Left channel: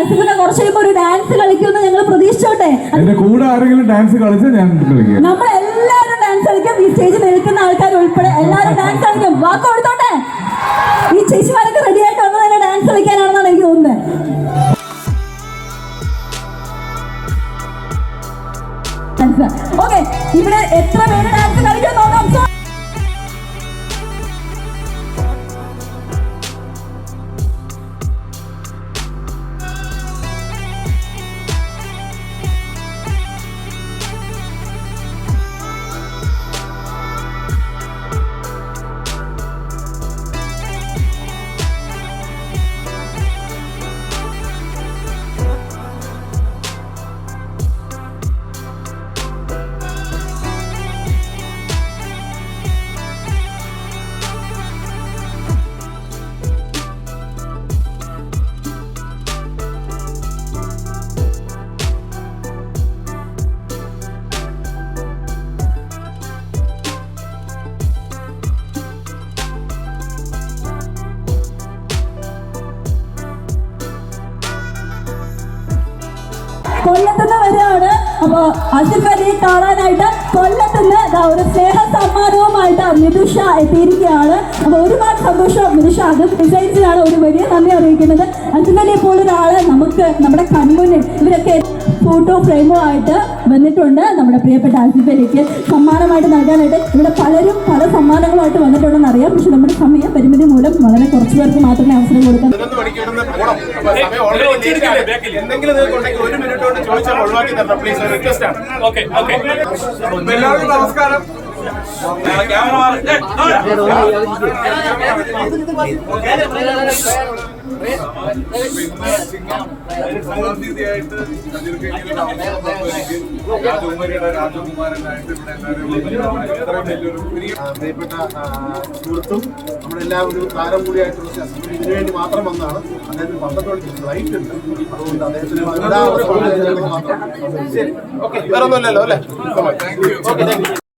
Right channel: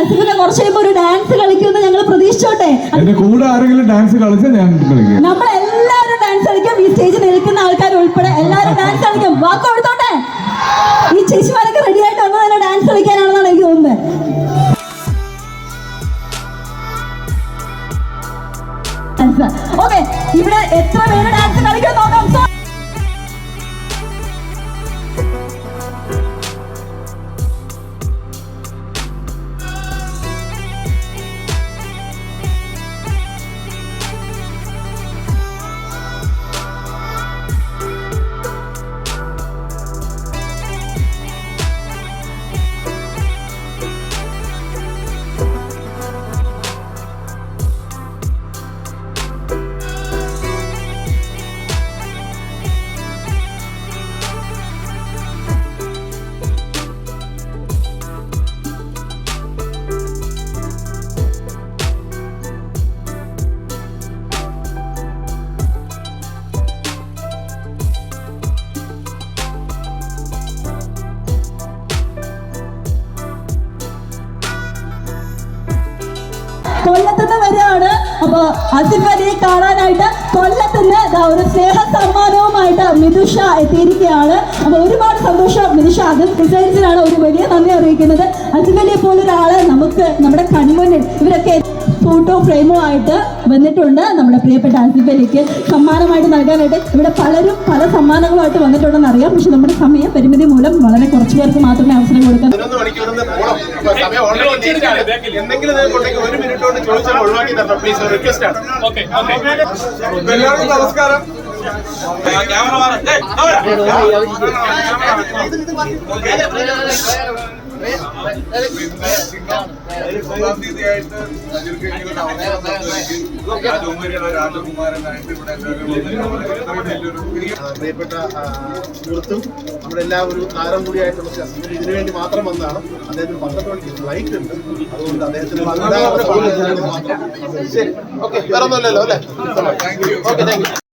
അസിഫിനെ കുറച്ച് കഴിയുമ്പോൾ ഒരു ഡാൻസ് കളിക്കുമെന്ന് ഞങ്ങൾ പ്രതീക്ഷിച്ചോട്ടെ? എന്റെ കൂടെ ആരെങ്കിലും ഡാൻസ് കളിച്ചാൽ ഞാൻ കളിക്കും. നമ്മൾ എല്ലാവരും ഡാൻസ് കളിക്കും. ഈ സ്റ്റേജിൽ നിൽക്കുന്ന ആൾക്കാർ ഉൾപ്പെടെ എല്ലാവരും ഡാൻസ് കളിക്കും. വാക്ക് കൊടുത്തോട്ടെ? ഈ ചേച്ചിമാരൊക്കെ റെഡി ആയിട്ട് വന്നത് തന്നെ ഡാൻസ് കളിക്കാനാണെന്നാണ് എനിക്ക് തോന്നുന്നത്. ഓക്കെ ഇവിടെ എത്ര പേര് ഡാൻസ് കളിക്കാൻ നോക്കാം കൊല്ലത്തുനിന്ന് വരികയാണ്. അപ്പൊ ആസിഫ് അലിയെ കാണാനായിട്ട് കൊല്ലത്തുനിന്ന് ഒരു സ്നേഹ സമ്മാനവുമായിട്ട് മിതുഷ എത്തിയിരിക്കുകയാണ്. അപ്പൊ ഒരുപാട് സന്തോഷം മിതുഷ. അത് ഡിസൈൻസിലാണ് ഒരു വലിയ നന്ദി അറിയിക്കുന്നത്. ആസിഫ് നമ്മുടെ കണ്മുന്നിൽ ഇവരൊക്കെ ഫോട്ടോ ഫ്രെയിമോ ആയിട്ട് വന്നിട്ടുണ്ട് നമ്മുടെ പ്രിയപ്പെട്ട ആസിഫ് സമ്മാനമായിട്ട് നൽകാനായിട്ട് ഇവിടെ പലരും പല സമ്മാനങ്ങളുമായിട്ട് വന്നിട്ടുണ്ടെന്ന് അറിയാം പക്ഷെ നമ്മുടെ സമയ പരിമിതി മൂലം വളരെ കുറച്ച് പേർക്ക് മാത്രമേ അവസരം കൊടുക്കാൻ എല്ലാവർക്കും നമസ്കാരം തീയതിയായിട്ട് എല്ലാവരും പ്രിയപ്പെട്ട സുഹൃത്തും നമ്മുടെ എല്ലാ ഒരു താരം കൂടിയായിട്ടുള്ള ഇതിനു വേണ്ടി മാത്രം വന്നാണ് അദ്ദേഹത്തിന് പന്ത്രണ്ട് ഫ്ലൈറ്റ് ഉണ്ട്. അതുകൊണ്ട് അദ്ദേഹത്തിന്. ശരി. ഓക്കെ. വേറെ ഒന്നുമില്ലല്ലോ അല്ലേ? Okay thank U